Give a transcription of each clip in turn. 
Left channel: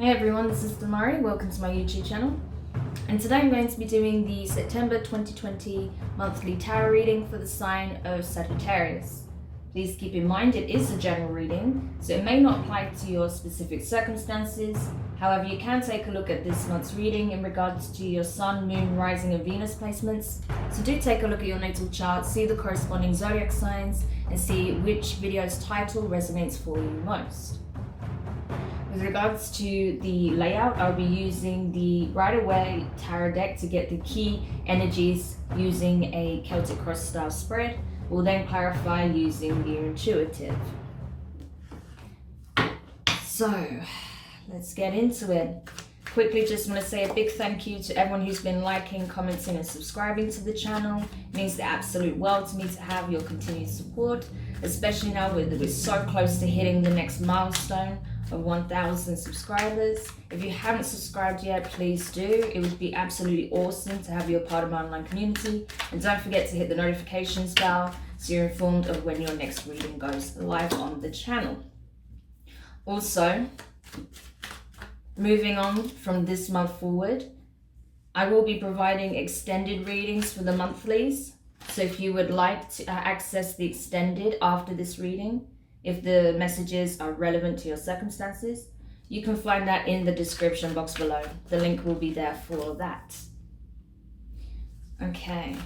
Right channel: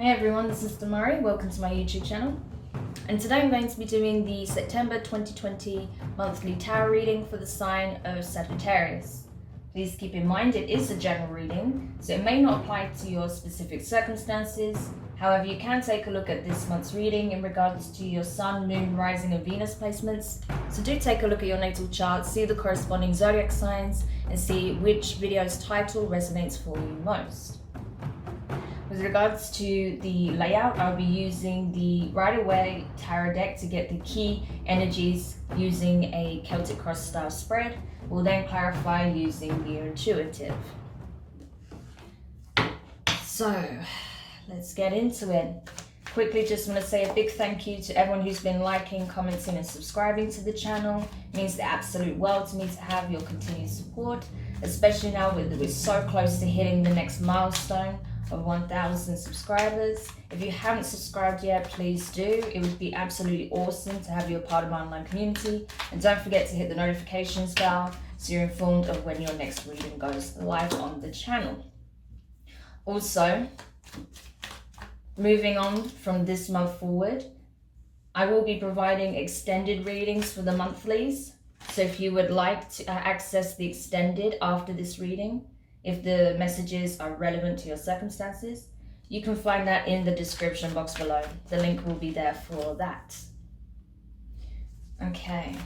Hey everyone, this is Demari. Welcome to my YouTube channel. And today I'm going to be doing the September 2020 monthly tarot reading for the sign of Sagittarius. Please keep in mind it is a general reading, so it may not apply to your specific circumstances. However, you can take a look at this month's reading in regards to your Sun, Moon, Rising and Venus placements. So do take a look at your natal chart, see the corresponding zodiac signs and see which video's title resonates for you most. With regards to the layout, I'll be using the Right Away tarot deck to get the key energies using a Celtic cross style spread. We'll then clarify using the intuitive. So let's get into it. Quickly, just want to say a big thank you to everyone who's been liking, commenting and subscribing to the channel. It means the absolute world to me to have your continued support, especially now we're so close to hitting the next milestone of 1,000 subscribers. If you haven't subscribed yet, please do. It would be absolutely awesome to have you a part of my online community. And don't forget to hit the notifications bell so you're informed of when your next reading goes live on the channel. Also, moving on from this month forward, I will be providing extended readings for the monthlies. So if you would like to access the extended after this reading, if the messages are relevant to your circumstances, you can find that in the description box below. The link will be there for that. Okay.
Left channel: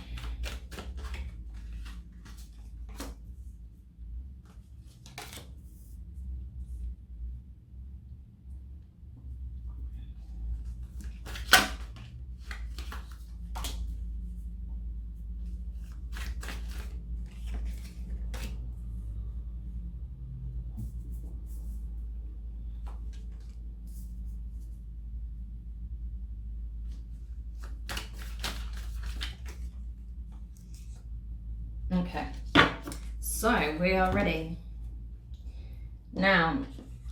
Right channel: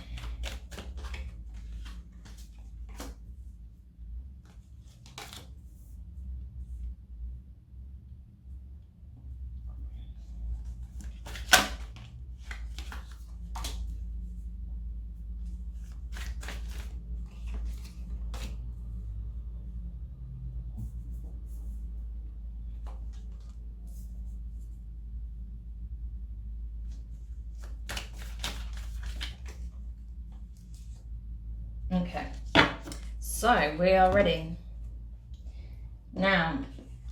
Okay, so we are ready. Now,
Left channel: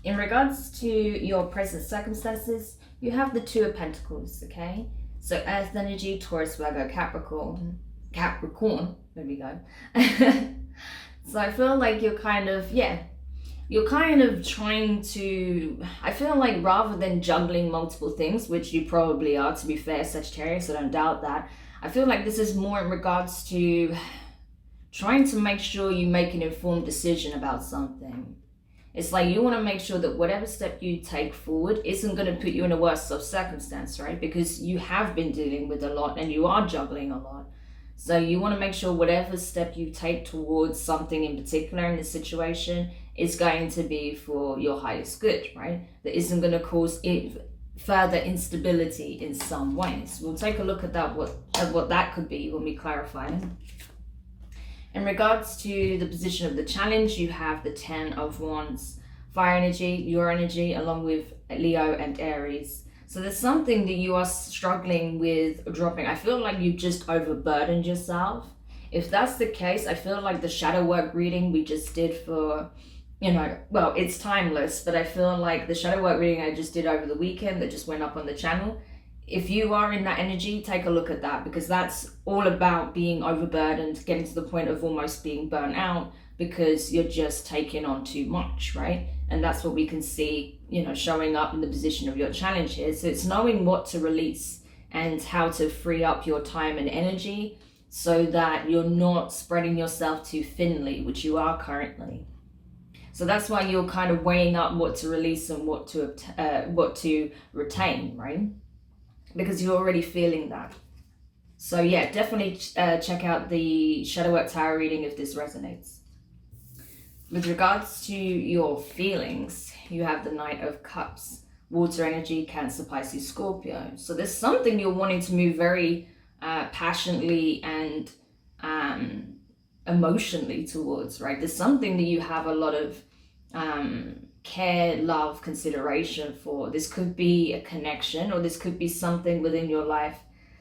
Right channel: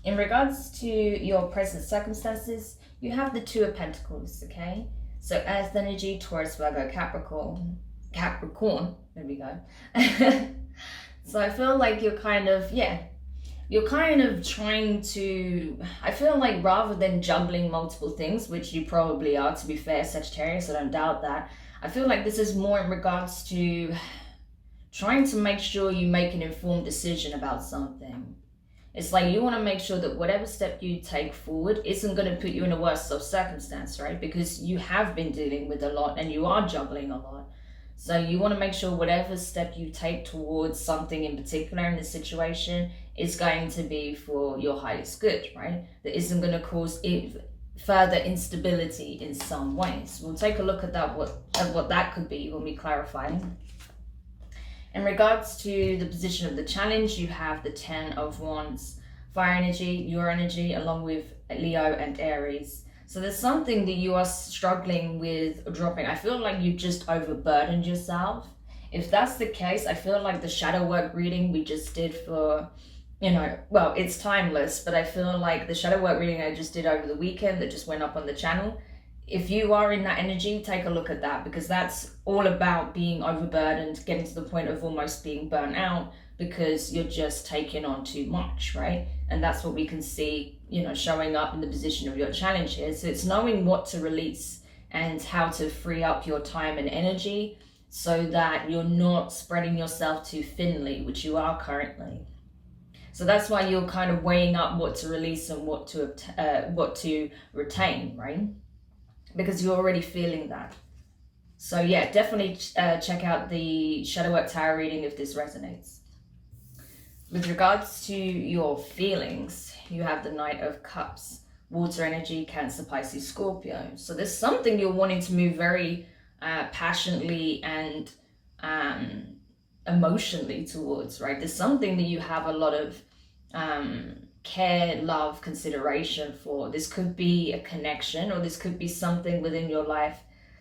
in regards to your present circumstances, you have the Two of Pentacles, okay? So Earth energy, Taurus, Virgo, Capricorn, there we go. So I feel like you're kind of trying to, I feel like rather than juggling multiple things, which you probably are, to be fair, Sagittarius, I don't doubt that. I feel like this is more in regards to trying to make sure you make an informed decision about something. It's like you want to make sure that whatever step you take forward isn't going to put you in a worse of circumstance, right? Because you have been dealing with a lot and you are juggling a lot. So you want to make sure whatever step you take towards something in particular in the situation is going to be for your highest good, right? That isn't going to cause further instability in some ways. We'll take a look at that, what that could be when we clarify. In regards to the position of the challenge, you have the Ten of Wands, fire energy, your energy, along with Leo and Aries. So there's something that you are struggling with dropping. I feel like you've just overburdened yourself. If that's the case, I feel like the shadow work reading we just did for, well, it's timeless, but I feel like the shadow work reading I just did over the weekend that just went up on the channel, if you are in that energy, take a look at that, because that's all about being overburdened, getting to the point of almost being burnt out because you're just taking on too much, right? And that's what we can see, showing up in the position of your challenge here. So it's knowing what to release and how to free up your time and energy so that you're not spreading yourself too thinly, which you are currently. So that's why you're kind of weighing up what to release and what to retain, right? Because you're already feeling that. So yeah, definitely check out the Shadow Work Tarot reading if this resonates. With regards to your feelings, you have the Knight of Cups, water energy, Cancer, Pisces, Scorpio. So there's something you're wanting to move very passionately and emotionally towards, right? There's something that you have a lot of care, love, consideration for. This could be a connection, or this could be something within your life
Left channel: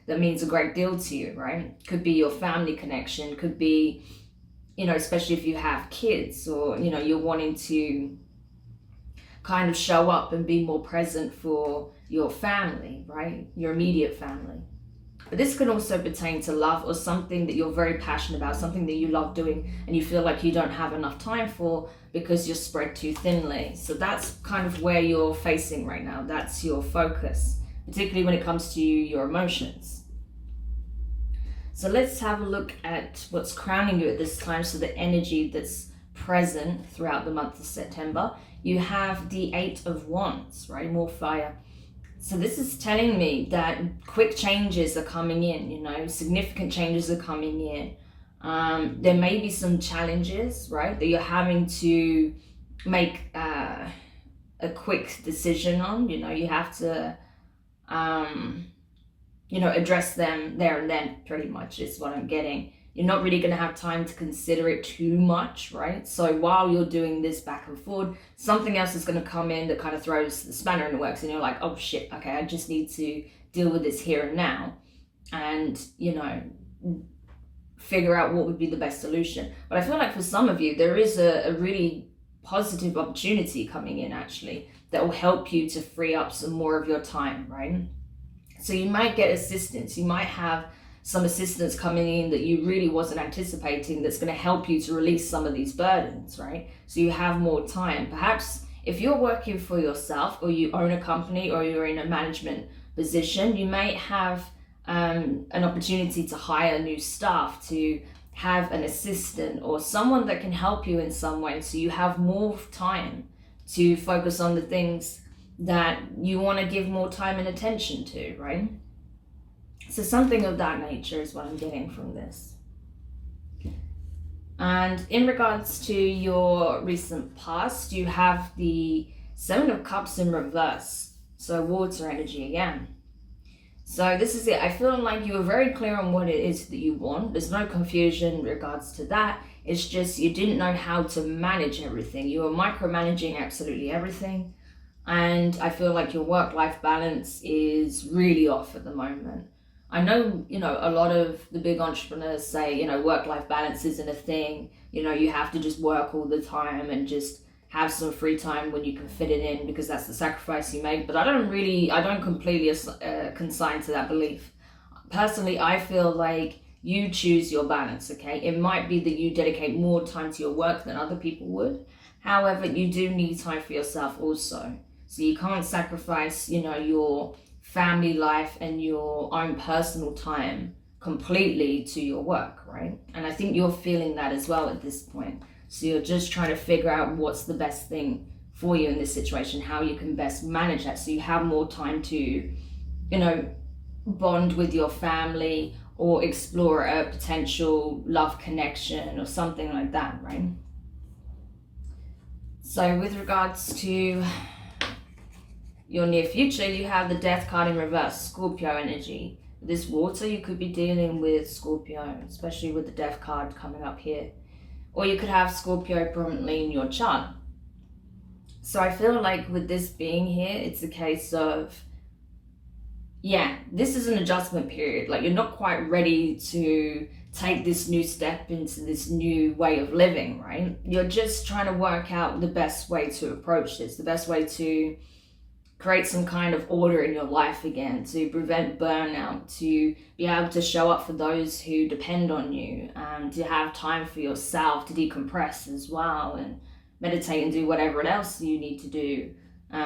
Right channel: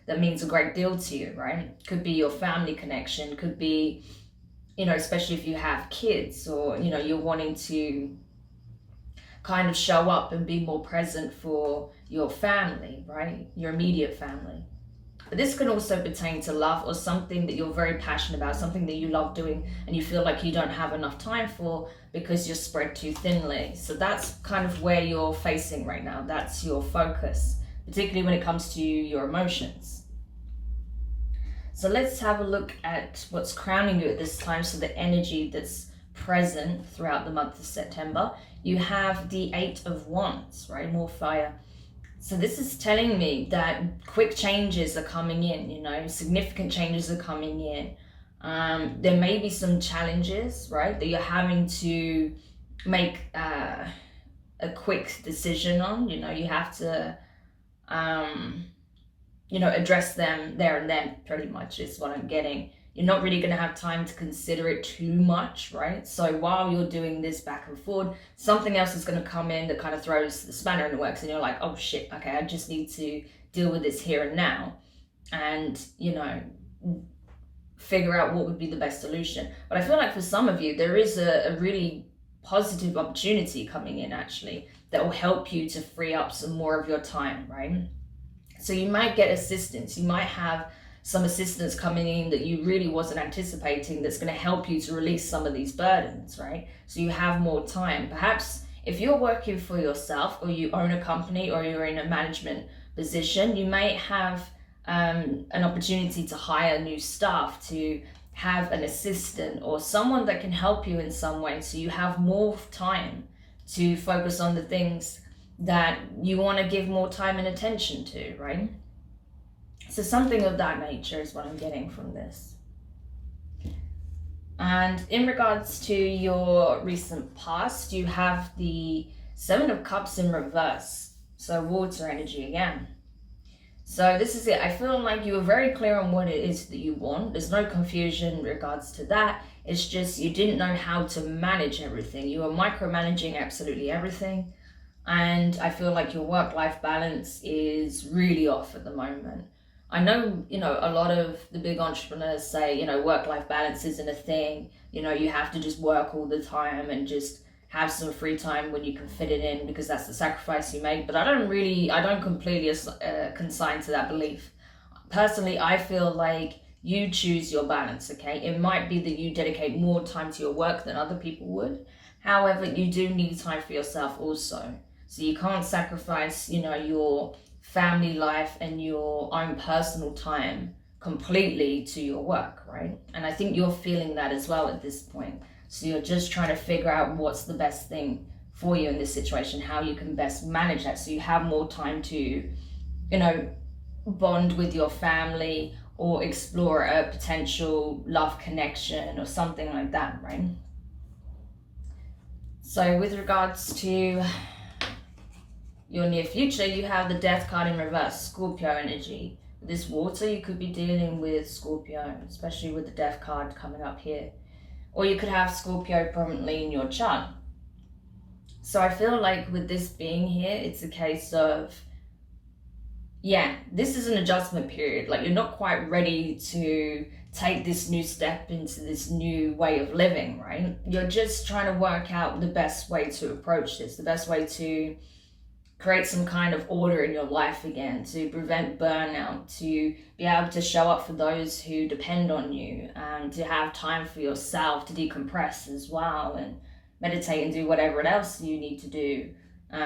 that means a great deal to you, right? Could be your family connection, could be, especially if you have kids, or, you're wanting to kind of show up and be more present for your family, right? Your immediate family. But this can also pertain to love or something that you're very passionate about, something that you love doing and you feel like you don't have enough time for because you're spread too thinly. So that's kind of where you're facing right now. That's your focus, particularly when it comes to your emotions. So let's have a look at what's crowning you at this time. So the energy that's present throughout the month of September. You have the 8 of Wands, right? More fire. So this is telling me that quick changes are coming in, you know, significant changes are coming in. There may be some challenges, right, that you're having to make a quick decision on. You know, you have to, you know, address them there and then, pretty much is what I'm getting. You're not really going to have time to consider it too much, right? So while you're doing this back and forth, something else is going to come in that kind of throws the spanner in the works, and you're like, oh shit, okay, I just need to deal with this here and now, and, you know, figure out what would be the best solution. But I feel like for some of you, there is a really positive opportunity coming in, actually, that will help you to free up some more of your time, right? So you might get assistance. You might have some assistance coming in that you really wasn't anticipating, that's going to help you to release some of these burdens, right? So you have more time. Perhaps if you're working for yourself, or you own a company, or you're in a management position, you may have an opportunity to hire new staff, to have an assistant or someone that can help you in some way, so you have more time to focus on the things that you want to give more time and attention to, right? So something of that nature is what I'm getting from this. And in regards to your recent past, you have the 7 of Cups in reverse. So water energy again. So this is it. I feel like you were very clear on what it is that you want. There's no confusion in regards to that. It's just you didn't know how to manage everything. You were micromanaging absolutely everything. And I feel like your work-life balance is really off at the moment. I know, you know, a lot of the big entrepreneurs say, you know, work-life balance isn't a thing. You know, you have to just work all the time and just have some free time when you can fit it in, because that's the sacrifice you make. But I don't completely consign to that belief. Personally, I feel like you choose your balance, okay? It might be that you dedicate more time to your work than other people would. However, you do need time for yourself also. So you can't sacrifice, you know, your family life and your own personal time completely to your work, right? And I think you're feeling that as well at this point. So you're just trying to figure out what's the best thing for you in this situation, how you can best manage that, so you have more time to, you know, bond with your family or explore a potential love connection or something like that, right? So with regards to your near future, you have the Death card in reverse, Scorpio energy. With this water, you could be dealing with Scorpio, especially with the Death card coming up here. Or you could have Scorpio prominently in your chart. So I feel like with this being here, it's a case of, yeah, this is an adjustment period. Like, you're not quite ready to take this new step into this new way of living, right? You're just trying to work out the best way to approach this, the best way to create some kind of order in your life again, to prevent burnout, to be able to show up for those who depend on you, to have time for yourself, to decompress as well, and meditate and do whatever else you need to do,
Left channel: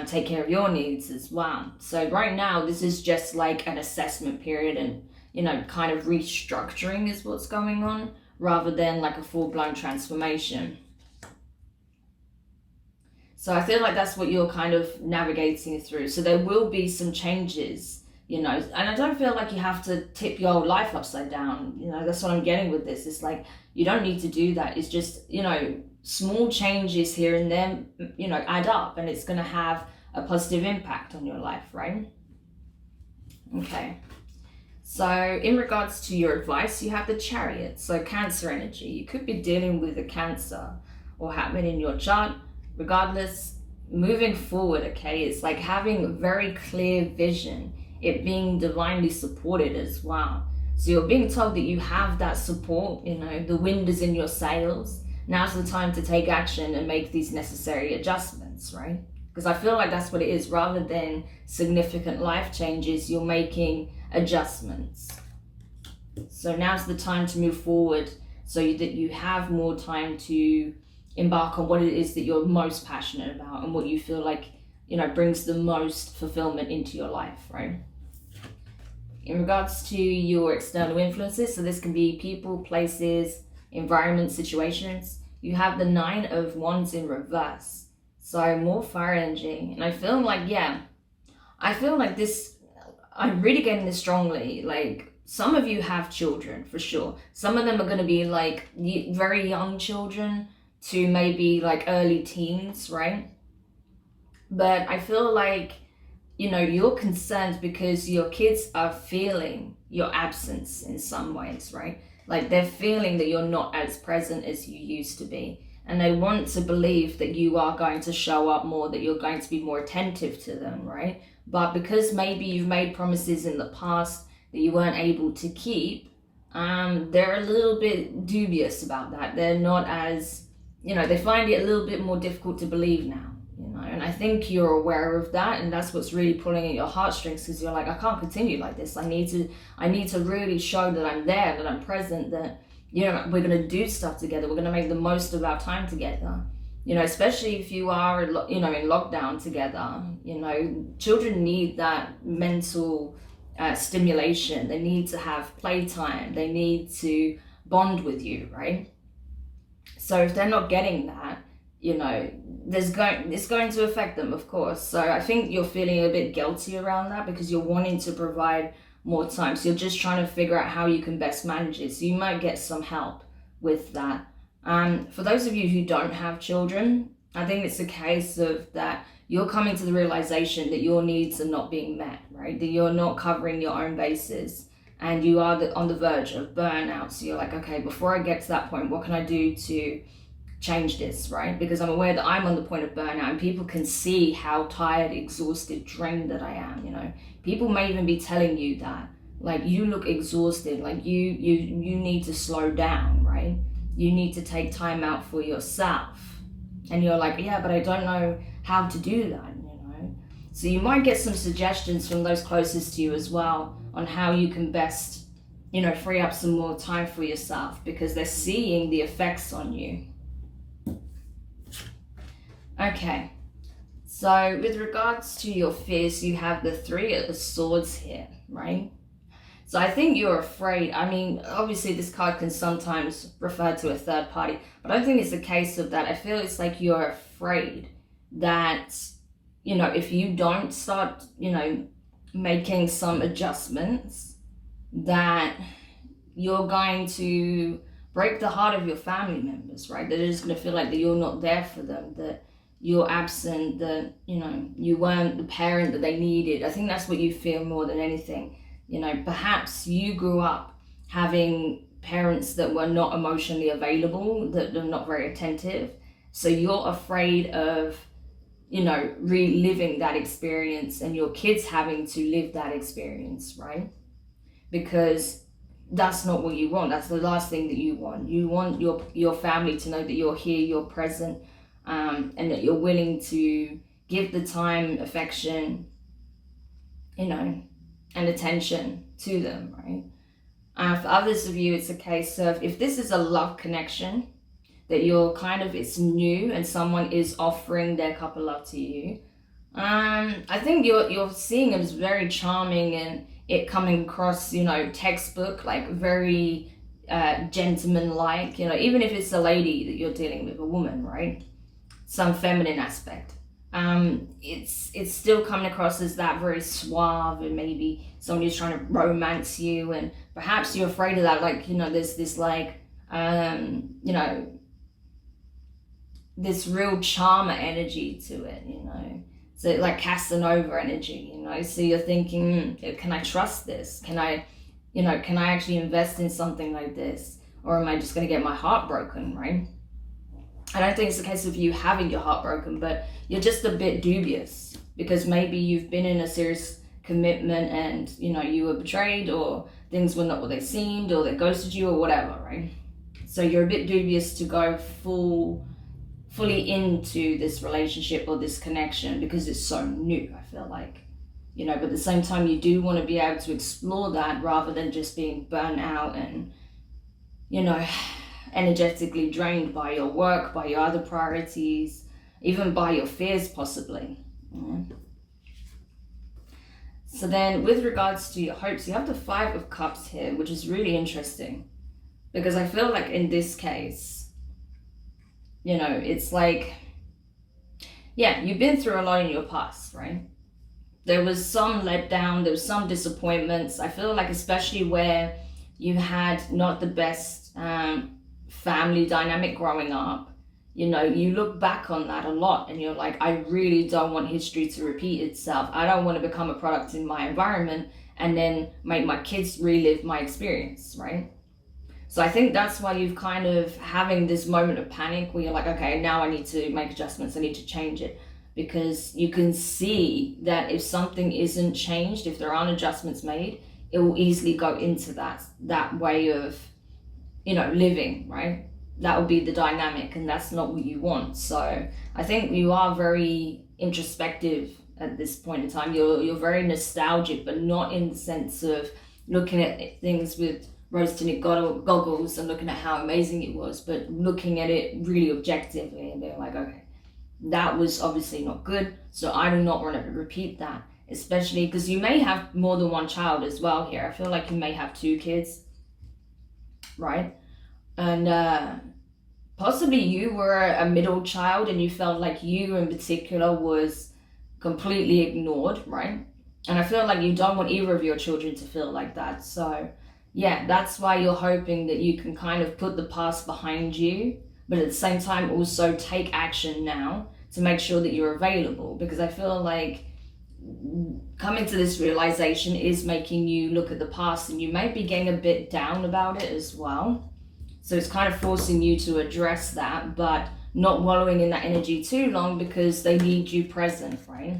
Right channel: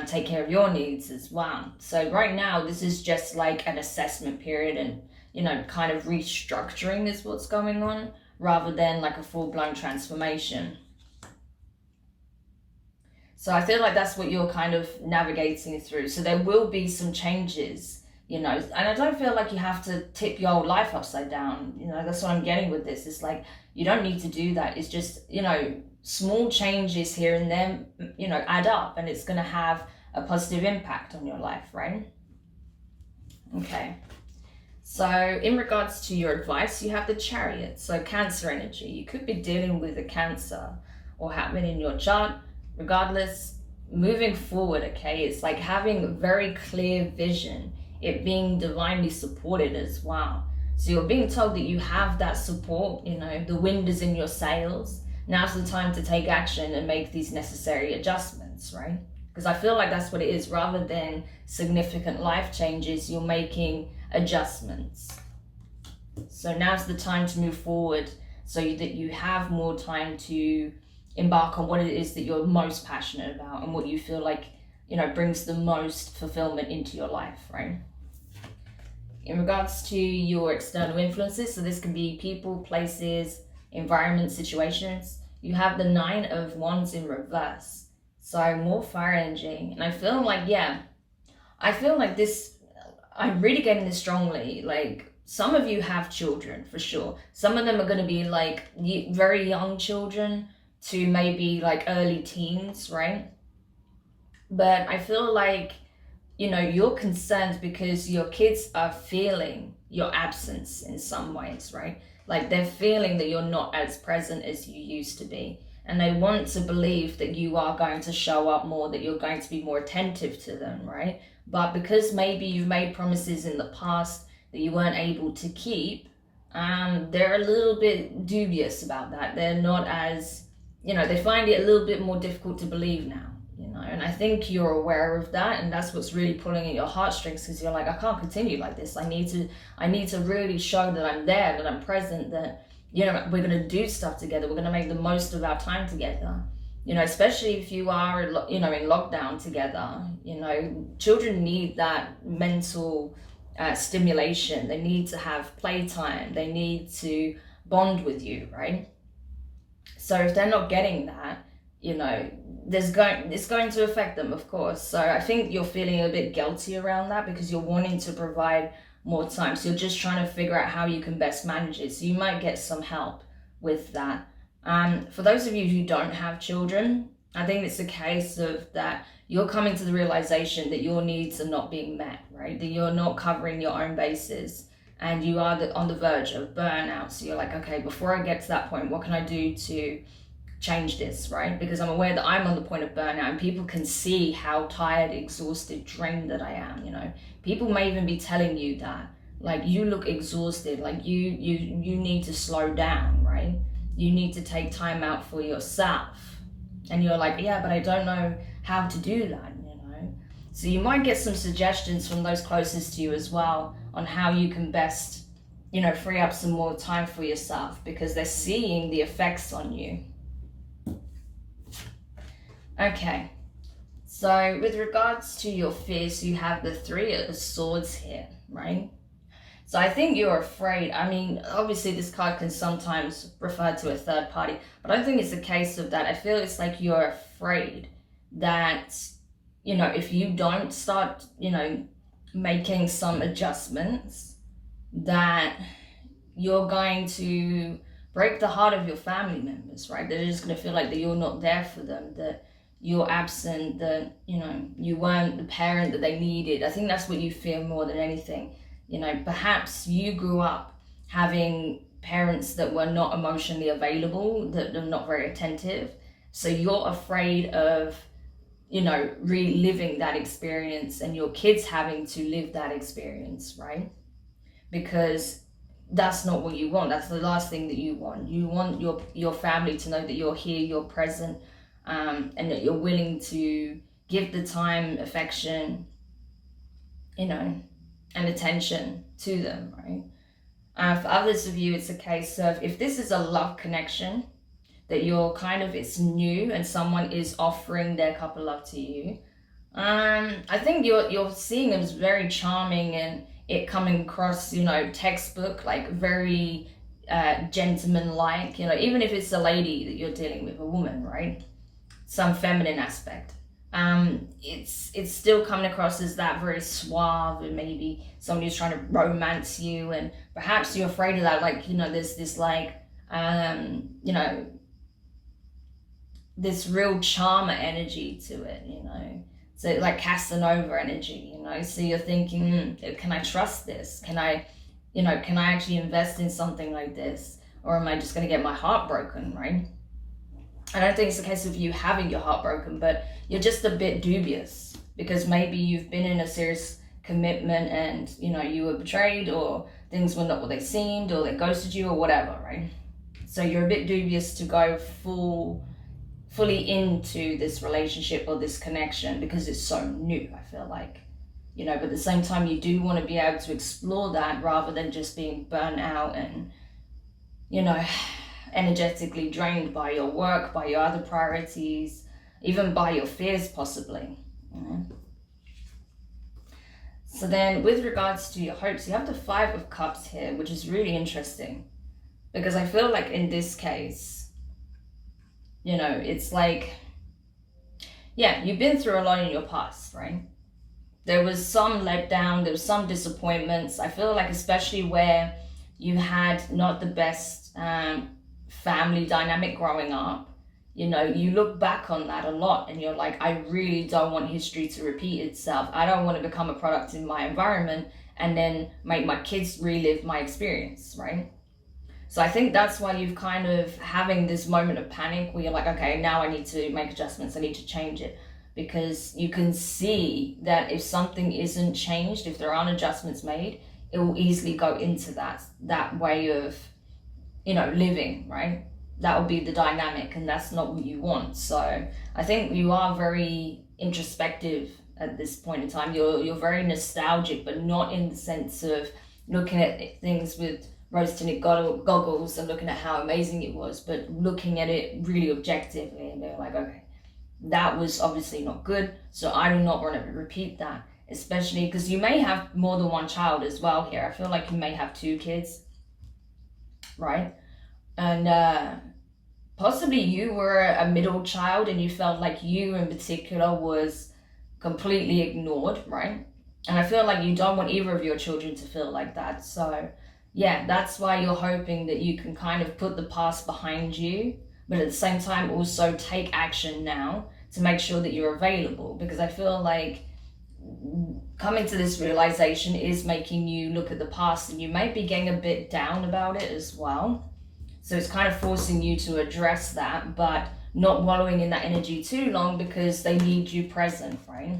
take care of your needs as well. So right now, this is just like an assessment period, and, you know, kind of restructuring is what's going on, rather than like a full-blown transformation. So I feel like that's what you're kind of navigating through. So there will be some changes, you know, and I don't feel like you have to tip your whole life upside down. You know, that's what I'm getting with this. It's like, you don't need to do that. It's just, you know, small changes here and there, you know, add up, and it's going to have a positive impact on your life, right? Okay. So in regards to your advice, you have the Chariot. So Cancer energy. You could be dealing with a Cancer or happening in your chart. Regardless, moving forward, okay, it's like having very clear vision, it being divinely supported as well. So you're being told that you have that support, you know, the wind is in your sails. Now's the time to take action and make these necessary adjustments, right? Because I feel like that's what it is. Rather than significant life changes, you're making adjustments. So now's the time to move forward so that you have more time to embark on what it is that you're most passionate about and what you feel like, brings the most fulfillment into your life, right? In regards to your external influences, so this can be people, places, environment, situations, you have the 9 of Wands in reverse. So more fire energy. And I feel like, this, I'm really getting this strongly. Like, some of you have children for sure. Some of them are going to be like very young children to maybe like early teens, right? But I feel like, you're concerned because your kids are feeling your absence in some ways, right? Like, they're feeling that you're not as present as you used to be. And they want to believe that you are going to show up more, that you're going to be more attentive to them, right? But because maybe you've made promises in the past that you weren't able to keep, they're a little bit dubious about that. They're not as, they find it a little bit more difficult to believe now. And I think you're aware of that, and that's what's really pulling at your heartstrings, because you're like, I can't continue like this. I need to really show that I'm there, that I'm present, that, we're going to do stuff together. We're going to make the most of our time together. Especially if you are, in lockdown together, children need that mental stimulation. They need to have playtime. They need to bond with you, right? So if they're not getting that, it's going to affect them, of course. So I think you're feeling a bit guilty around that because you're wanting to provide more time. So you're just trying to figure out how you can best manage it. So you might get some help with that. For those of you who don't have children, I think it's a case of that you're coming to the realization that your needs are not being met, right? That you're not covering your own bases and you are on the verge of burnout. So you're like, okay, before I get to that point, what can I do to change this, right? Because I'm aware that I'm on the point of burnout and people can see how tired, exhausted, drained that I am, People may even be telling you that, like, you look exhausted, like you need to slow down, right? You need to take time out for yourself. And you're like, yeah, but I don't know how to do that, So you might get some suggestions from those closest to you as well on how you can best, free up some more time for yourself, because they're seeing the effects on you. Okay, so with regards to your fears, you have the 3 of Swords here, right? So I think you're afraid. I mean, obviously this card can sometimes refer to a third party, but I don't think it's a case of that. I feel it's like you're afraid that, if you don't start, making some adjustments, that you're going to break the heart of your family members, right? They're just going to feel like that you're not there for them, that you're absent, that, you weren't the parent that they needed. I think that's what you fear more than anything. Perhaps you grew up having parents that were not emotionally available, that are not very attentive. So you're afraid of, reliving that experience and your kids having to live that experience, right? Because that's not what you want. That's the last thing that you want. You want your family to know that you're here, you're present, and that you're willing to give the time, affection, and attention to them, right? For others of you, it's a case of, if this is a love connection, that you're it's new and someone is offering their cup of love to you, I think you're seeing them as very charming and it coming across, textbook, like very gentleman-like, even if it's a lady that you're dealing with, a woman, right? Some feminine aspect. It's still coming across as that very suave, and maybe somebody who's trying to romance you, and perhaps you're afraid of that, like, there's this like, this real charmer energy to it, so like Casanova energy, so you're thinking, can I trust this? Can I actually invest in something like this? Or am I just going to get my heart broken, right? I don't think it's a case of you having your heart broken, but you're just a bit dubious because maybe you've been in a serious commitment and, you were betrayed, or things were not what they seemed, or they ghosted you, or whatever, right? So you're a bit dubious to go fully into this relationship or this connection because it's so new, I feel like. you know, but at the same time, you do want to be able to explore that rather than just being burnt out and, you know, energetically drained by your work, by your other priorities, even by your fears possibly. So then with regards to your hopes, you have the 5 of Cups here, which is really interesting, because I feel like in this case, you know, it's like, yeah, you've been through a lot in your past, right? There was some letdown, there was some disappointments. I feel like especially where you had not the best family dynamic growing up, you know, you look back on that a lot and you're like, I really don't want history to repeat itself. I don't want to become a product in my environment and then make my kids relive my experience, right? So I think that's why you've kind of having this moment of panic where you're like, okay, now I need to make adjustments, I need to change it. Because you can see that if something isn't changed, if there aren't adjustments made, it will easily go into that way of, you know, living, right? That will be the dynamic, and that's not what you want. So I think you are very introspective at this point in time. You're very nostalgic, but not in the sense of looking at things with rose-tinted goggles and looking at how amazing it was, but looking at it really objectively and being like, okay, that was obviously not good, so I do not want to repeat that, especially because you may have more than one child as well here. I feel like you may have 2 kids, right? And possibly you were a middle child and you felt like you in particular was completely ignored, right? And I feel like you don't want either of your children to feel like that. So yeah, that's why you're hoping that you can kind of put the past behind you, but at the same time also take action now to make sure that you're available, because I feel like coming to this realization is making you look at the past and you may be getting a bit down about it as well. So it's kind of forcing you to address that, but not wallowing in that energy too long because they need you present, right?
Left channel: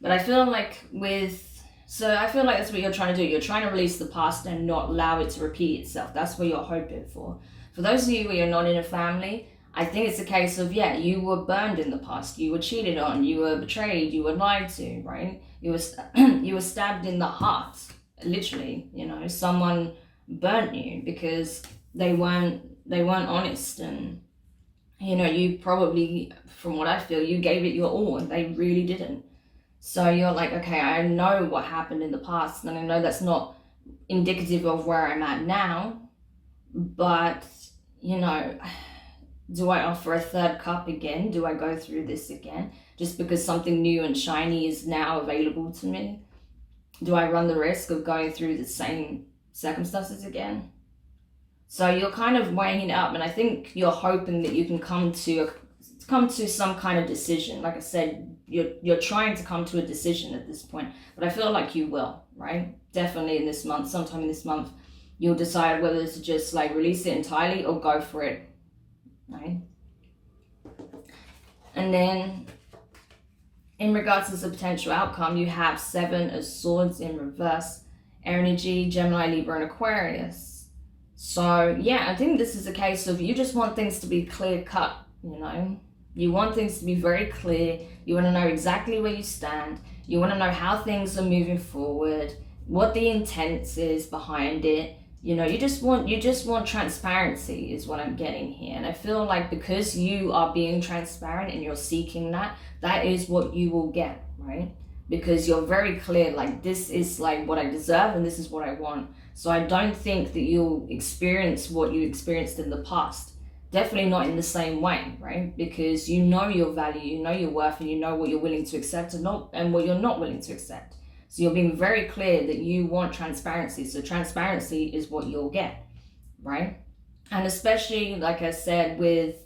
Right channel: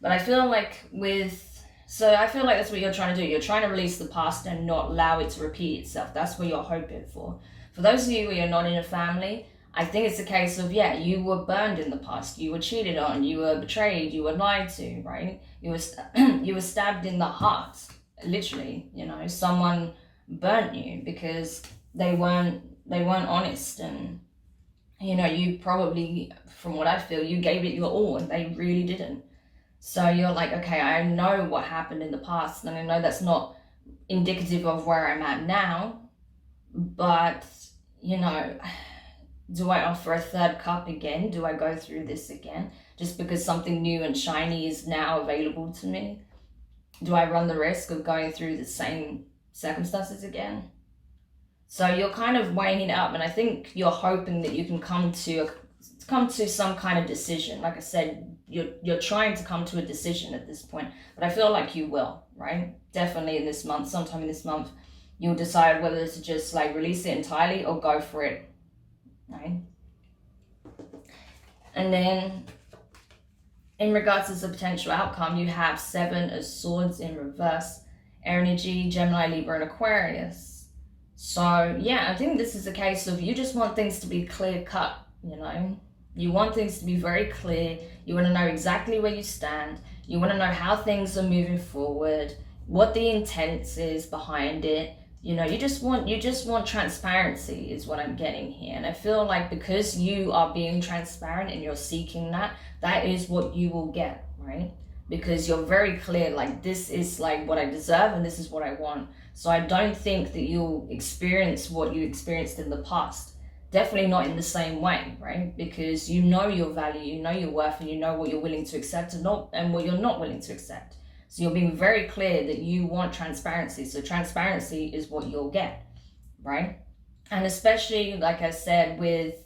But I feel like I feel like that's what you're trying to do. You're trying to release the past and not allow it to repeat itself. That's what you're hoping for. For those of you where you're not in a family, I think it's a case of, yeah, you were burned in the past. You were cheated on. You were betrayed. You were lied to, right? You were stabbed in the heart, literally. You know, someone burnt you because they weren't honest, and you know, you probably, from what I feel, you gave it your all and they really didn't. So you're like, okay, I know what happened in the past and I know that's not indicative of where I'm at now, but you know, do I offer a 3rd cup again? Do I go through this again just because something new and shiny is now available to me? Do I run the risk of going through the same circumstances again? So you're kind of weighing it up, and I think you're hoping that you can come to some kind of decision. Like I said, you're trying to come to a decision at this point, but I feel like you will, right? Definitely in this month, sometime in this month, you'll decide whether to just like release it entirely or go for it, right? And then in regards to the potential outcome, you have 7 of Swords in reverse energy, Gemini, Libra, and Aquarius. So yeah, I think this is a case of you just want things to be clear cut, you know? You want things to be very clear. You want to know exactly where you stand. You want to know how things are moving forward, what the intent is behind it. You know, you just want transparency is what I'm getting here. And I feel like because you are being transparent and you're seeking that, that is what you will get, right? Because you're very clear, like, this is like what I deserve and this is what I want. So I don't think that you'll experience what you experienced in the past. Definitely not in the same way, right? Because you know your value, you know your worth, and you know what you're willing to accept and what you're not willing to accept. So you're being very clear that you want transparency. So transparency is what you'll get, right? And especially, like I said, with,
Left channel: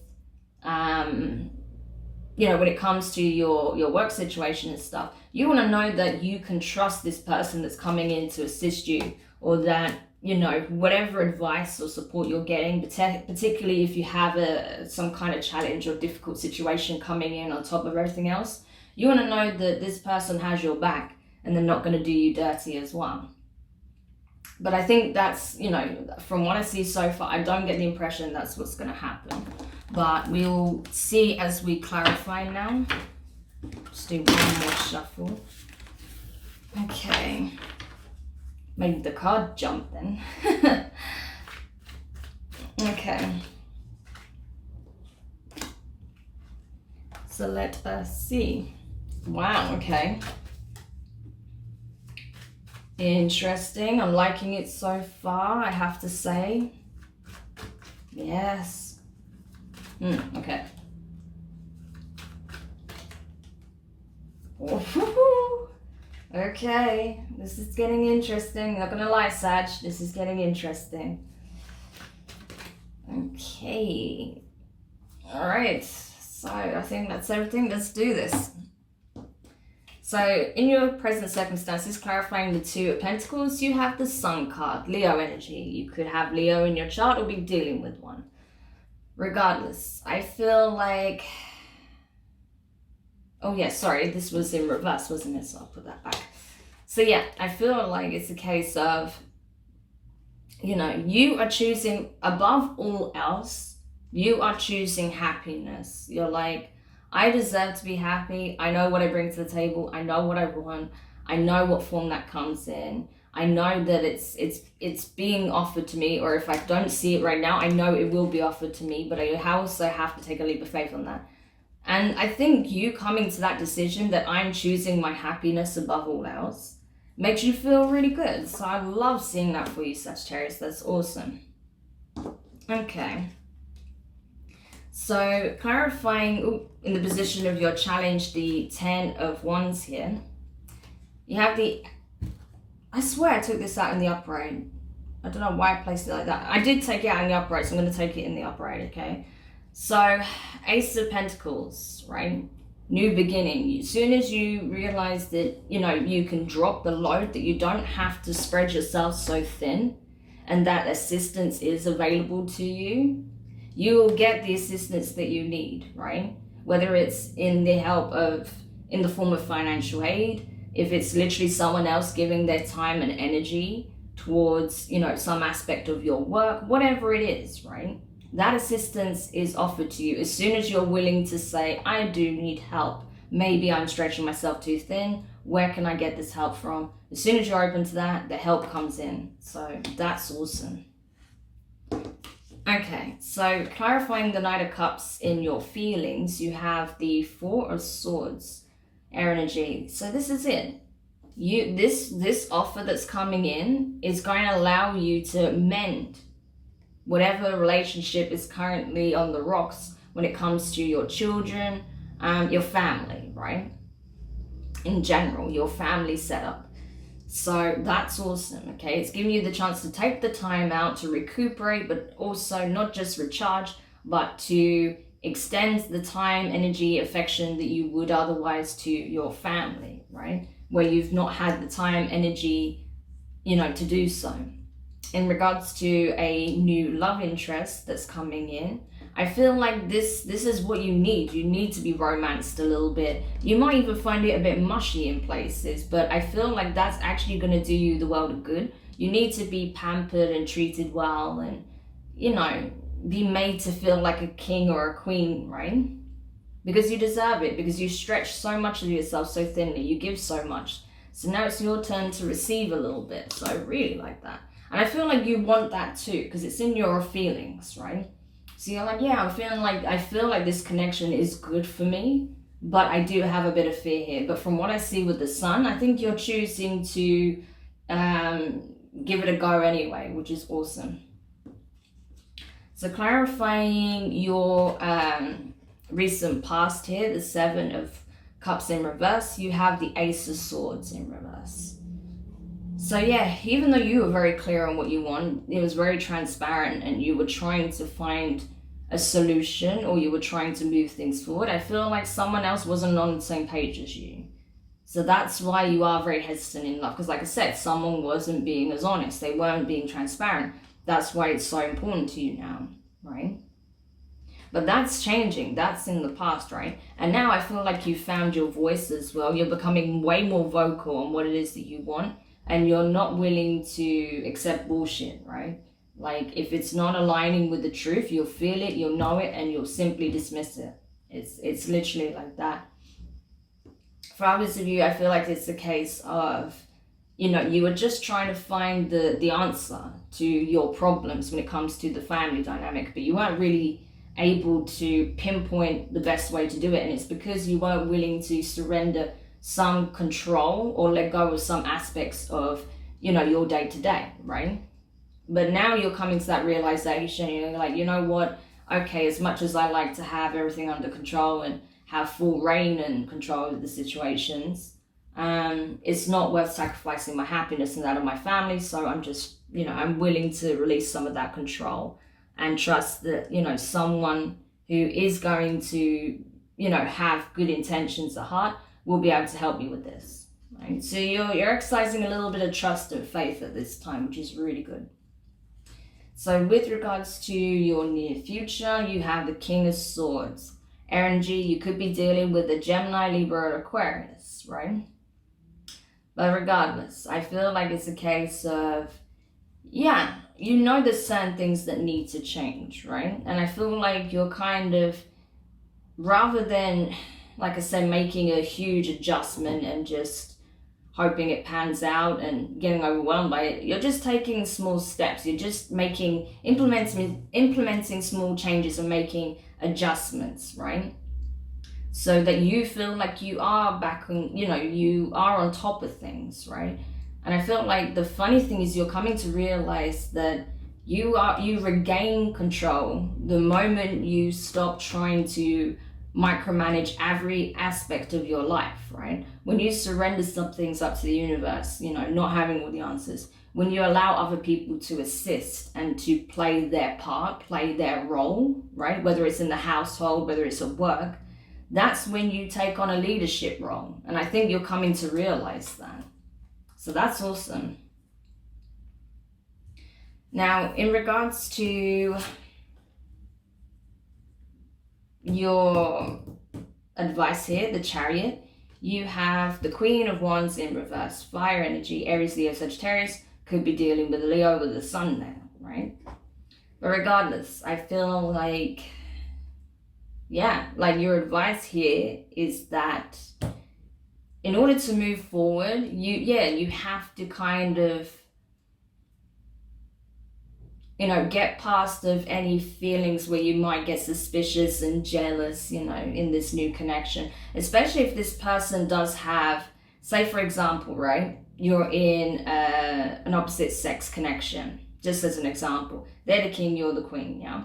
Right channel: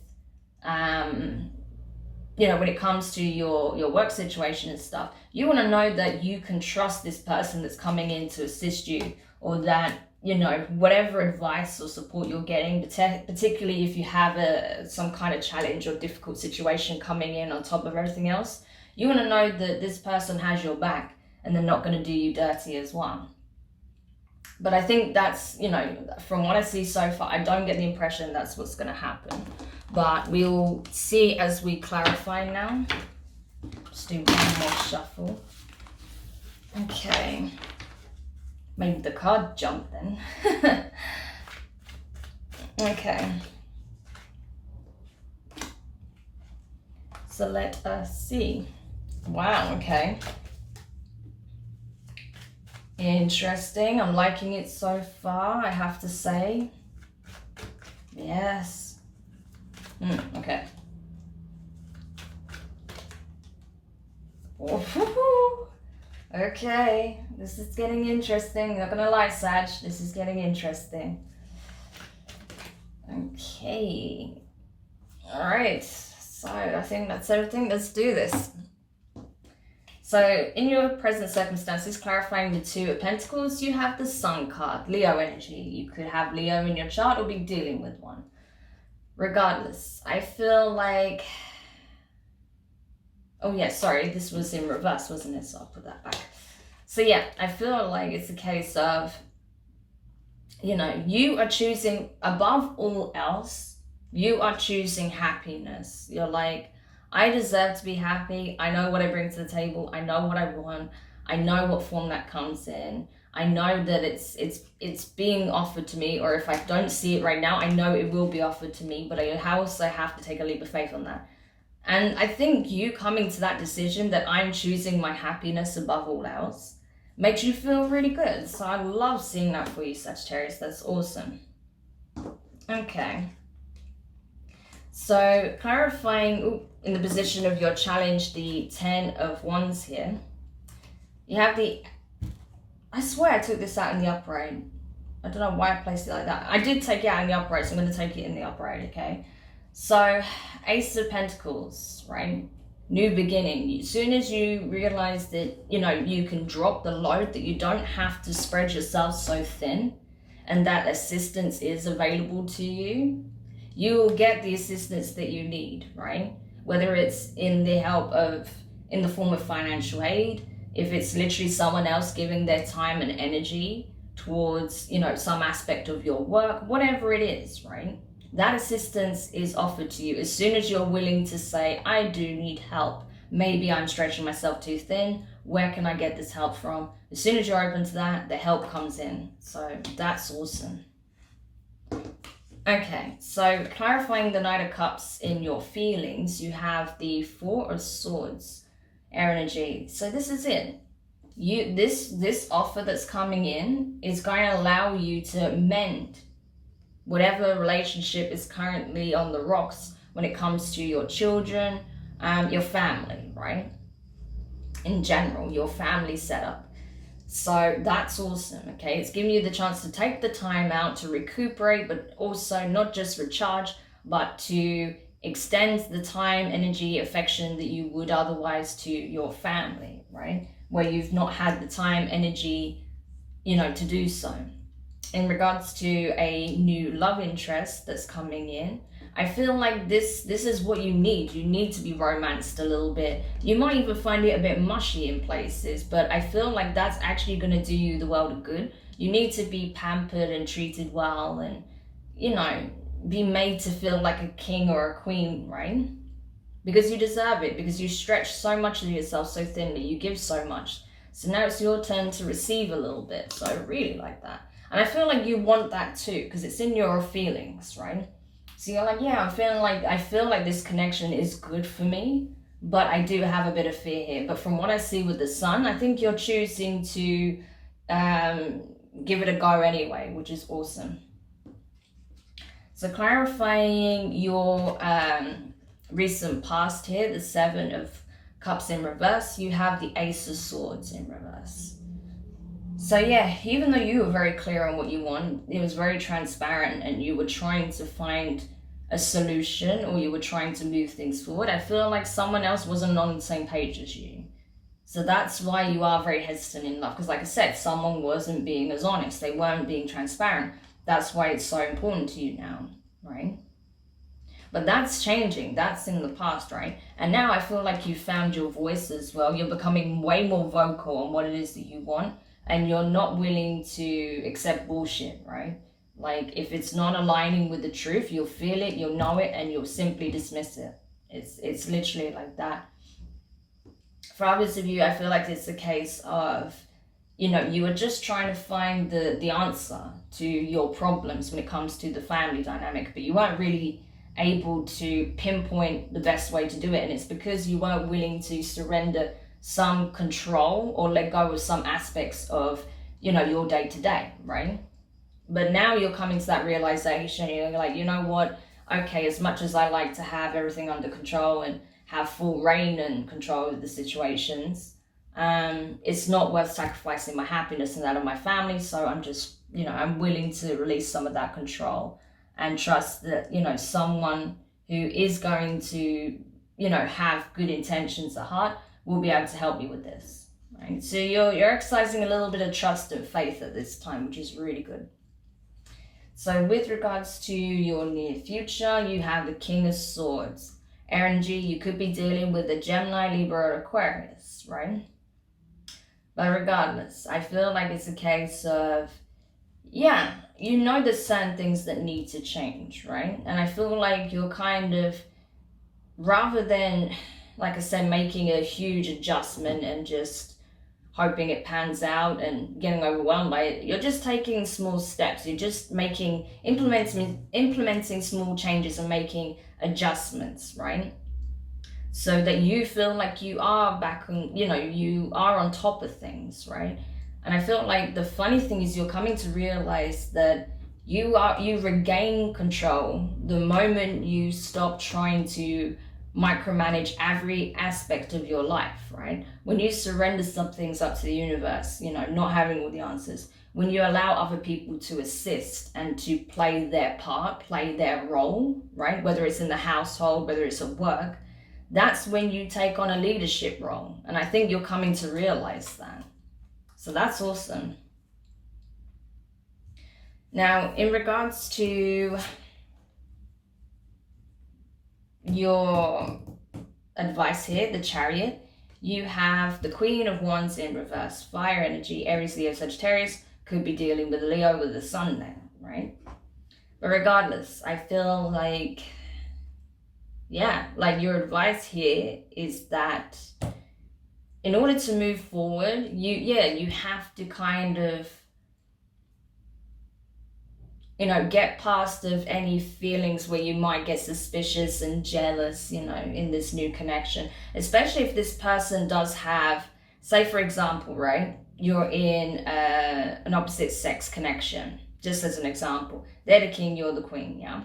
you know, when it comes to your work situation and stuff, you want to know that you can trust this person that's coming in to assist you, or that, you know, whatever advice or support you're getting, particularly if you have some kind of challenge or difficult situation coming in on top of everything else, you want to know that this person has your back and they're not going to do you dirty as well. But I think that's, you know, from what I see so far, I don't get the impression that's what's going to happen. But we'll see as we clarify now. Just do one more shuffle. Okay. Maybe the card jumped then. Okay. So let us see. Wow, okay. Interesting. I'm liking it so far, I have to say. Yes. Okay. Ooh, okay. This is getting interesting. Not gonna lie, Sag. This is getting interesting. Okay. Alright. So I think that's everything. Let's do this. So in your present circumstances, clarifying the Two of Pentacles, you have the Sun card, Leo energy. You could have Leo in your chart or be dealing with one. Regardless, I feel like... Oh yeah, sorry, this was in reverse, wasn't it? So I'll put that back. So yeah, I feel like it's a case of, you know, you are choosing, above all else, you are choosing happiness. You're like, I deserve to be happy. I know what I bring to the table. I know what I want. I know what form that comes in. I know that it's being offered to me, or if I don't see it right now, I know it will be offered to me, but I also have to take a leap of faith on that. And I think you coming to that decision that I'm choosing my happiness above all else makes you feel really good. So I love seeing that for you, Sagittarius. That's awesome. Okay. So clarifying in the position of your challenge, the 10 of Wands here. You have the... I swear I took this out in the upright. I don't know why I placed it like that. I did take it out in the upright, so I'm going to take it in the upright, okay? So, Ace of Pentacles, right? New beginning. As soon as you realize that, you know, you can drop the load, that you don't have to spread yourself so thin, and that assistance is available to you, you will get the assistance that you need, right? Whether it's in the form of financial aid, if it's literally someone else giving their time and energy towards, you know, some aspect of your work, whatever it is, right? That assistance is offered to you as soon as you're willing to say, I do need help. Maybe I'm stretching myself too thin. Where can I get this help from? As soon as you're open to that, the help comes in. So that's awesome. Okay, so clarifying the Knight of Cups in your feelings, you have the Four of Swords, air energy. So this is it. This offer that's coming in is going to allow you to mend whatever relationship is currently on the rocks when it comes to your children, your family, right? In general, your family setup. So that's awesome, okay? It's giving you the chance to take the time out to recuperate, but also not just recharge, but to extend the time, energy, affection that you would otherwise to your family, right? Where you've not had the time, energy, you know, to do so. In regards to a new love interest that's coming in, I feel like this is what you need. You need to be romanced a little bit. You might even find it a bit mushy in places, but I feel like that's actually going to do you the world of good. You need to be pampered and treated well and, you know, be made to feel like a king or a queen, right? Because you deserve it, because you stretch so much of yourself so thinly, you give so much. So now it's your turn to receive a little bit. So I really like that. And I feel like you want that too, because it's in your feelings, right? So you're like, yeah, I feel like this connection is good for me, but I do have a bit of fear here. But from what I see with the Sun, I think you're choosing to give it a go anyway, which is awesome. So clarifying your recent past here, the Seven of Cups in reverse, you have the Ace of Swords in reverse. So yeah, even though you were very clear on what you want, it was very transparent and you were trying to find a solution or you were trying to move things forward, I feel like someone else wasn't on the same page as you. So that's why you are very hesitant in love. Because like I said, someone wasn't being as honest. They weren't being transparent. That's why it's so important to you now, right? But that's changing. That's in the past, right? And now I feel like you found your voice as well. You're becoming way more vocal on what it is that you want. And you're not willing to accept bullshit, right? Like, if it's not aligning with the truth, you'll feel it, you'll know it, and you'll simply dismiss it. It's literally like that. For others of you, I feel like it's a case of you know, you are just trying to find the answer to your problems when it comes to the family dynamic, but you weren't really able to pinpoint the best way to do it. And it's because you weren't willing to surrender some control or let go of some aspects of, you know, your day to day, right? But now you're coming to that realization, you're like, you know what, okay, as much as I like to have everything under control and have full reign and control of the situations, it's not worth sacrificing my happiness and that of my family. So I'm just, you know, I'm willing to release some of that control and trust that, you know, someone who is going to, you know, have good intentions at heart will be able to help you with this, right? So you're exercising a little bit of trust and faith at this time, which is really good. So with regards to your near future, you have the King of Swords. Energy, you could be dealing with a Gemini, Libra, or Aquarius, right? But regardless, I feel like it's a case of, yeah, you know there's certain things that need to change, right? And I feel like you're kind of, rather than, like I said, making a huge adjustment and just hoping it pans out and getting overwhelmed by it, you're just taking small steps. You're just implementing small changes and making adjustments, right? So that you feel like you are back on, you know, you are on top of things, right? And I feel like the funny thing is you're coming to realize that you regain control the moment you stop trying to micromanage every aspect of your life, right? When you surrender some things up to the universe, you know, not having all the answers, when you allow other people to assist and to play their part, play their role, right? Whether it's in the household, whether it's at work, that's when you take on a leadership role. And I think you're coming to realize that. So that's awesome. Now, in regards to your advice here, the Chariot, you have the Queen of Wands in reverse, fire energy, Aries, Leo, Sagittarius, could be dealing with Leo with the sun there, right? But regardless, I feel like, yeah, like your advice here is that in order to move forward, you have to kind of, you know, get past of any feelings where you might get suspicious and jealous, you know, in this new connection. Especially if this person does have, say for example, right, you're in an opposite sex connection, just as an example. They're the king, you're the queen, yeah?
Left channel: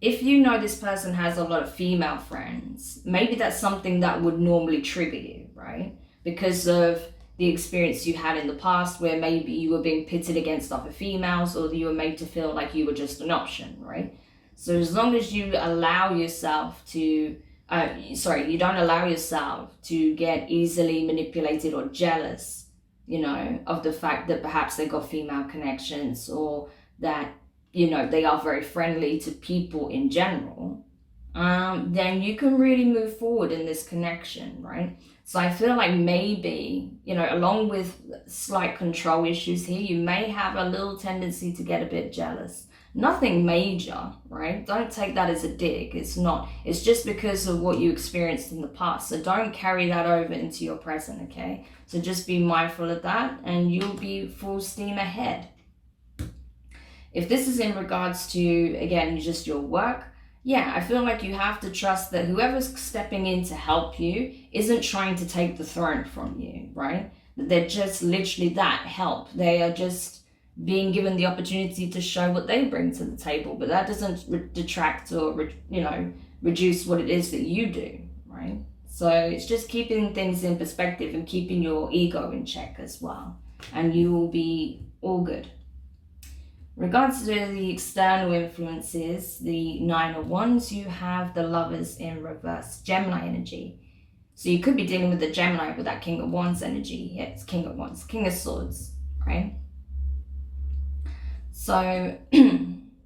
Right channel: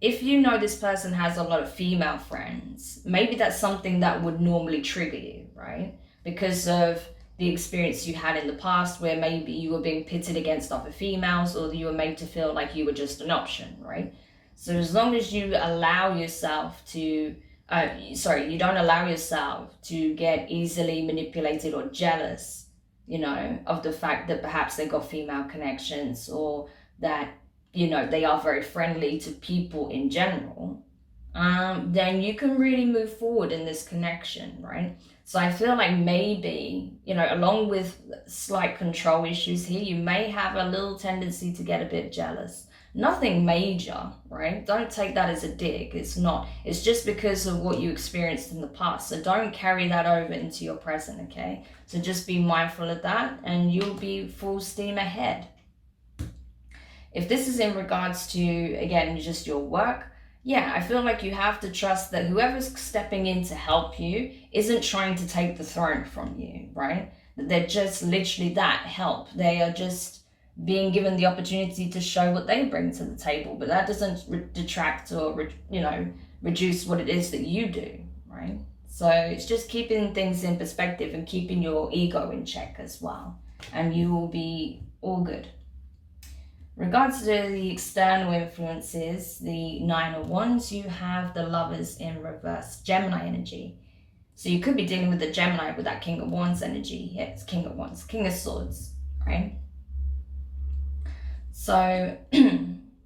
If you know this person has a lot of female friends, maybe that's something that would normally trigger you, right? Because of the experience you had in the past where maybe you were being pitted against other females or you were made to feel like you were just an option, right? So as long as you allow yourself to, you don't allow yourself to get easily manipulated or jealous, you know, of the fact that perhaps they got female connections or that, you know, they are very friendly to people in general, then you can really move forward in this connection, right? So I feel like maybe, you know, along with slight control issues here, you may have a little tendency to get a bit jealous. Nothing major, right? Don't take that as a dig. It's not. It's just because of what you experienced in the past. So don't carry that over into your present, okay? So just be mindful of that and you'll be full steam ahead. If this is in regards to, again, just your work, yeah, I feel like you have to trust that whoever's stepping in to help you isn't trying to take the throne from you, right? They're just literally that, help. They are just being given the opportunity to show what they bring to the table, but that doesn't detract or, you know, reduce what it is that you do, right? So it's just keeping things in perspective and keeping your ego in check as well, and you will be all good. Regards to the external influences, the Nine of Wands, you have the Lovers in reverse, Gemini energy. So you could be dealing with the Gemini with that King of Wands energy. Yeah, it's King of Wands, King of Swords, right? So,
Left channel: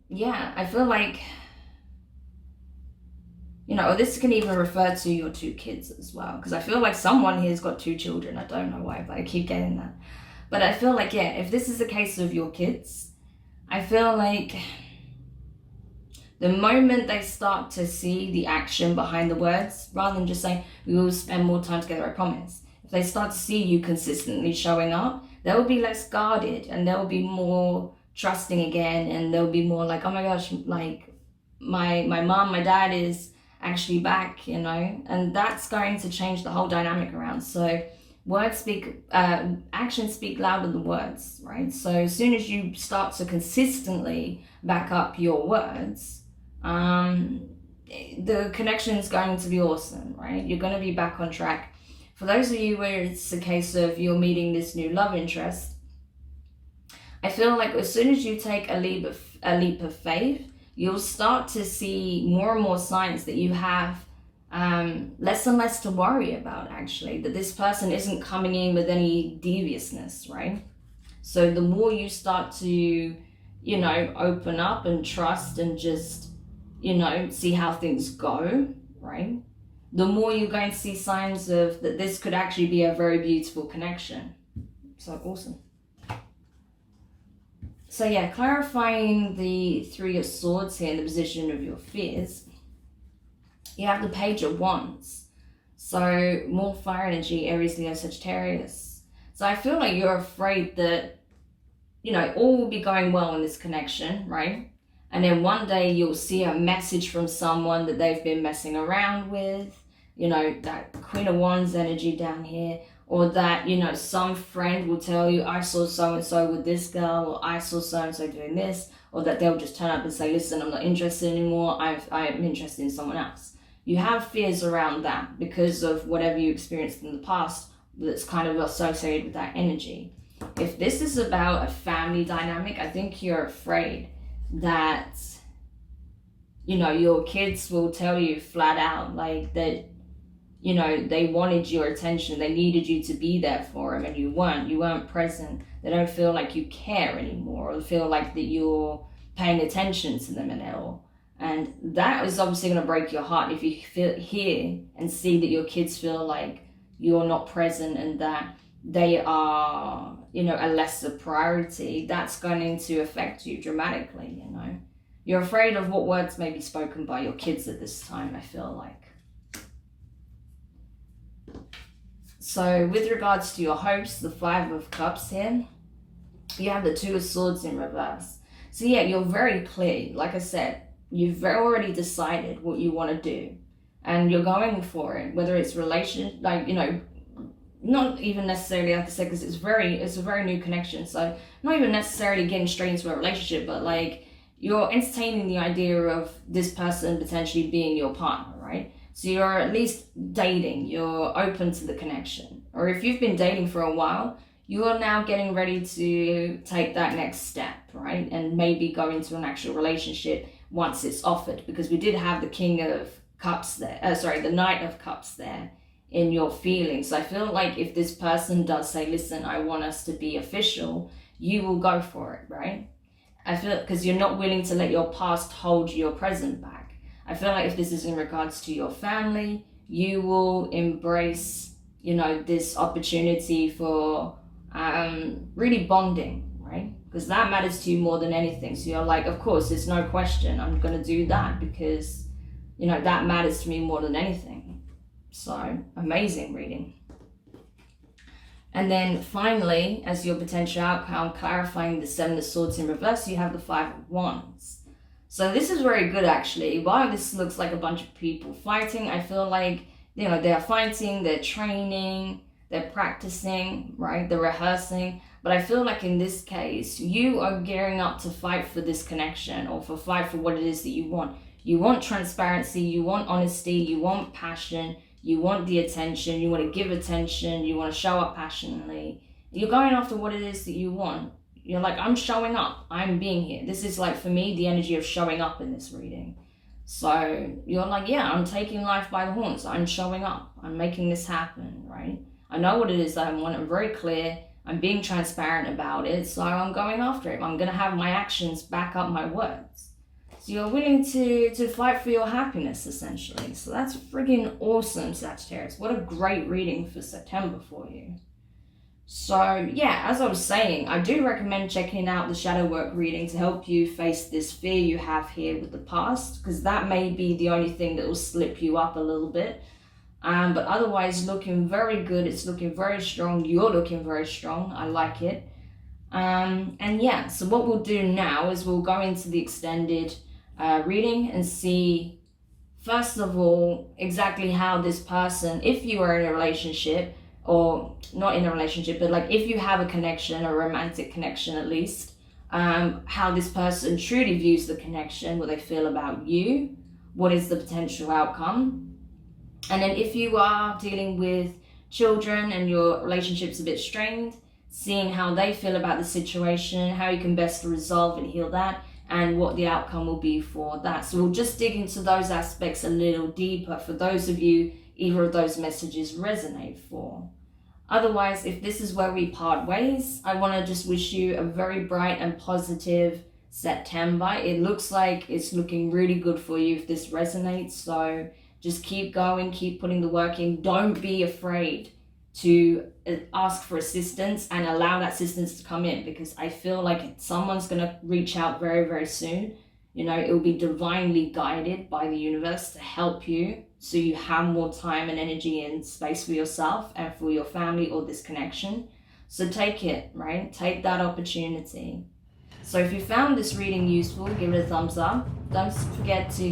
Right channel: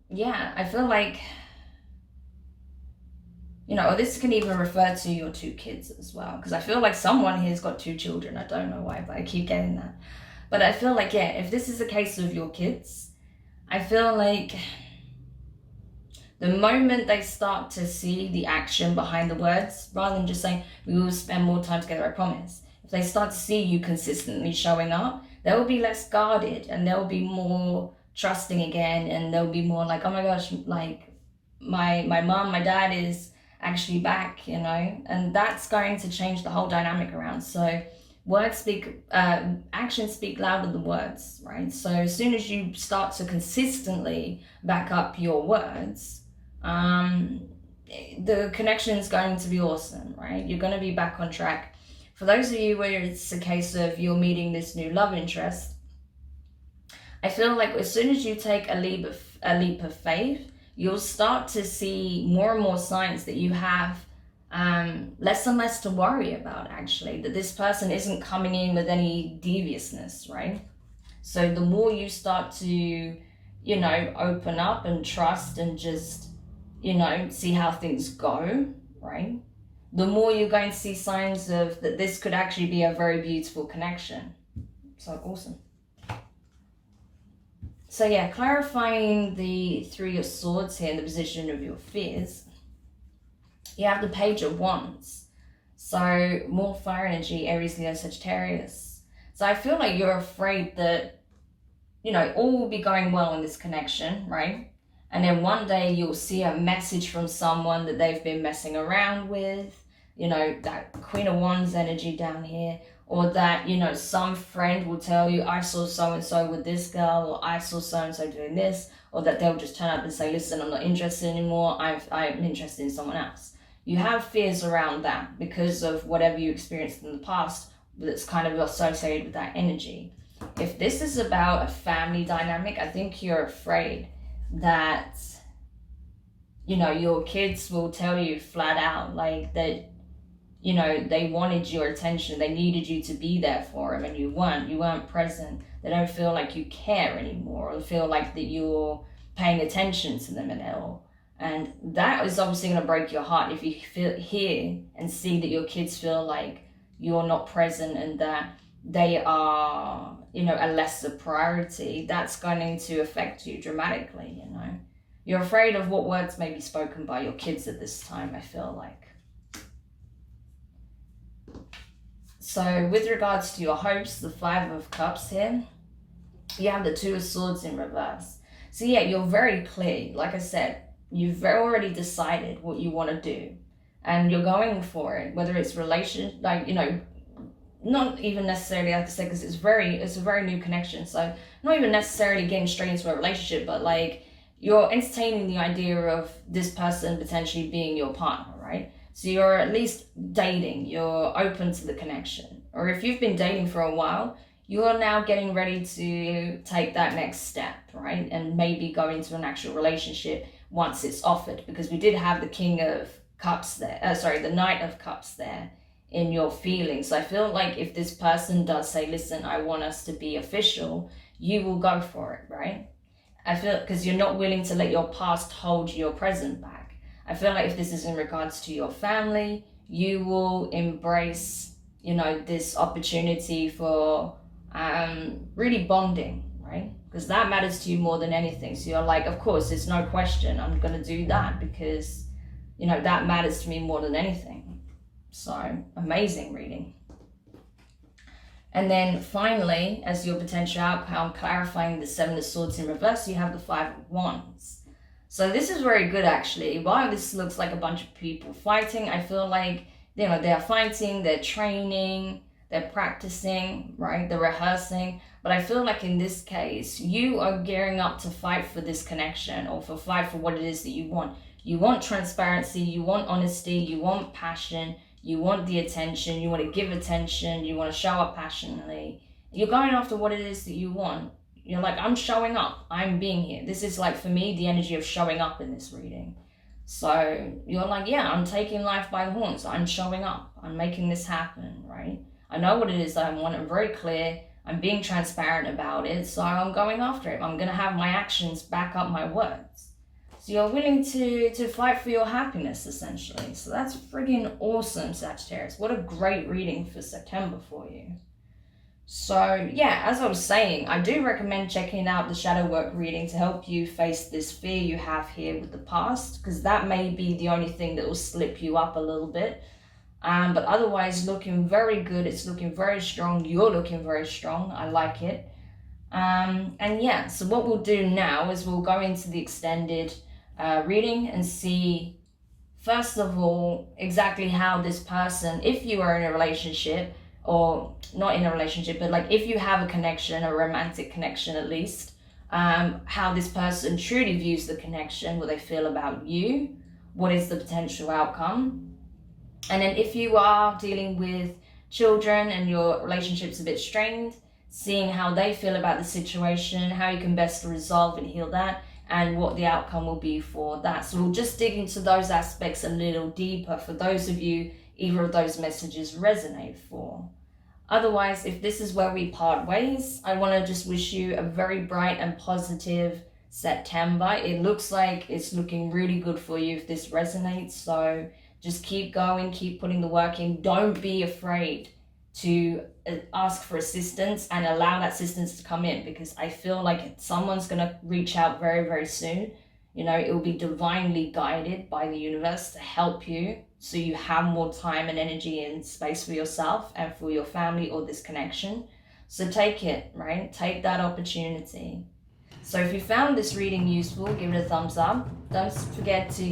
yeah, I feel like, you know, this can even refer to your two kids as well. Because I feel like someone here's got two children. I don't know why, but I keep getting that. But I feel like, yeah, if this is a case of your kids, I feel like the moment they start to see the action behind the words, rather than just saying, we will spend more time together, I promise. If they start to see you consistently showing up, they'll be less guarded and they'll be more trusting again, and they'll be more like, oh my gosh, like my mom, my dad is actually back, you know, and that's going to change the whole dynamic around. So words speak, actions speak louder than words, right? So as soon as you start to consistently back up your words, the connection is going to be awesome, right? You're going to be back on track. For those of you where it's a case of you're meeting this new love interest, I feel like as soon as you take a leap of faith, you'll start to see more and more signs that you have less and less to worry about, actually, that this person isn't coming in with any deviousness, right? So the more you start to, you know, open up and trust and just, you know, see how things go, right? The more you're going to see signs of that this could actually be a very beautiful connection. So awesome. So yeah, clarifying the Three of Swords here in the position of your fears. You have the Page of Wands. So more fire energy, Aries, Leo, Sagittarius. So I feel like you're afraid that, you know, all will be going well in this connection, right? And then one day you'll see a message from someone that they've been messing around with, you know, that Queen of Wands energy down here, or that, you know, some friend will tell you, I saw so-and-so with this girl, or I saw so-and-so doing this, or that they'll just turn up and say, listen, I'm not interested anymore, I'm interested in someone else. You have fears around that because of whatever you experienced in the past that's kind of associated with that energy. If this is about a family dynamic, I think you're afraid that, you know, your kids will tell you flat out, like, that, you know, they wanted your attention, they needed you to be there for them, and you weren't present. They don't feel like you care anymore, or feel like that you're paying attention to them at all. And that is obviously going to break your heart if you hear and see that your kids feel like you're not present and that they are, you know, a lesser priority. That's going to affect you dramatically, you know. You're afraid of what words may be spoken by your kids at this time, I feel like. So with regards to your hopes, the Five of Cups here, you have the Two of Swords in reverse. So yeah, you're very clear. Like I said, you've already decided what you want to do and you're going for it, whether it's relation, like, you know, not even necessarily, like I said, because it's a very new connection. So not even necessarily getting straight into a relationship, but like you're entertaining the idea of this person potentially being your partner, right? So you're at least dating, you're open to the connection. Or if you've been dating for a while, you're now getting ready to take that next step, right? And maybe go into an actual relationship once it's offered, because we did have the King of Cups there, the Knight of Cups there in your feelings. So I feel like if this person does say, listen, I want us to be official, you will go for it, right? I feel, because you're not willing to let your past hold your present back. I feel like if this is in regards to your family, you will embrace, you know, this opportunity for really bonding, right? Because that matters to you more than anything. So you're like, of course, there's no question, I'm going to do that because, you know, that matters to me more than anything. So amazing reading. And then finally, as your potential outcome, clarifying the Seven of Swords in reverse, you have the Five of Wands. So this is very good, actually. While this looks like a bunch of people fighting, I feel like, you know, they're fighting, they're training, they're practicing, right? They're rehearsing. But I feel like in this case, you are gearing up to fight for this connection, or for fight for what it is that you want. You want transparency, you want honesty, you want passion, you want the attention, you want to give attention, you want to show up passionately. You're going after what it is that you want. You're like, I'm showing up, I'm being here. This is like, for me, the energy of showing up in this reading. So you're like, yeah, I'm taking life by the horns. I'm showing up. I'm making this happen, right? I know what it is that I want. I'm very clear. I'm being transparent about it. So I'm going after it. I'm going to have my actions back up my words. So you're willing to fight for your happiness, essentially. So that's friggin' awesome, Sagittarius. What a great reading for September for you. So yeah, as I was saying, I do recommend checking out the shadow work reading to help you face this fear you have here with the past, because that may be the only thing that will slip you up a little bit. But otherwise looking very good. It's looking very strong. You're looking very strong. I like it. And yeah, so what we'll do now is we'll go into the extended reading and see, first of all, exactly how this person, if you are in a relationship, or not in a relationship, but like if you have a connection, a romantic connection at least, how this person truly views the connection, what they feel about you, what is the potential outcome. And then if you are dealing with children and your relationship's a bit strained, seeing how they feel about the situation, how you can best resolve and heal that, and what the outcome will be for that. So we'll just dig into those aspects a little deeper for those of you either of those messages resonate for. Otherwise, if this is where we part ways, I want to just wish you a very bright and positive September. It looks like it's looking really good for you if this resonates. So just keep going, keep putting the work in. Don't be afraid to ask for assistance and allow that assistance to come in, because I feel like someone's going to reach out very, very soon. You know, it will be divinely guided by the universe to help you, so you have more time and energy and space for yourself and for your family or this connection. So take it, right? Take that opportunity. So if you found this reading useful, give it a thumbs up. Don't forget to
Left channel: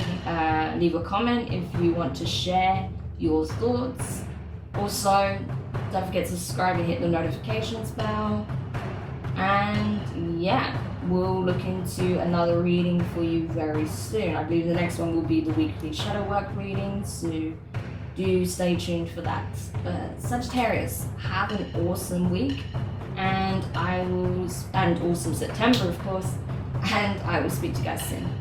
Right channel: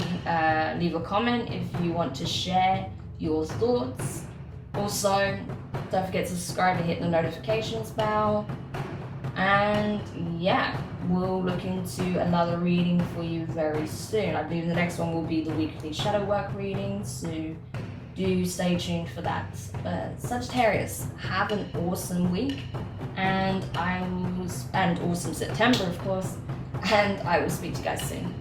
leave a comment if you want to share your thoughts. Also, don't forget to subscribe and hit the notifications bell. And yeah, we'll look into another reading for you very soon. I believe the next one will be the weekly shadow work reading, so do stay tuned for that. Sagittarius, have an awesome week, and awesome September, of course, and I will speak to you guys soon.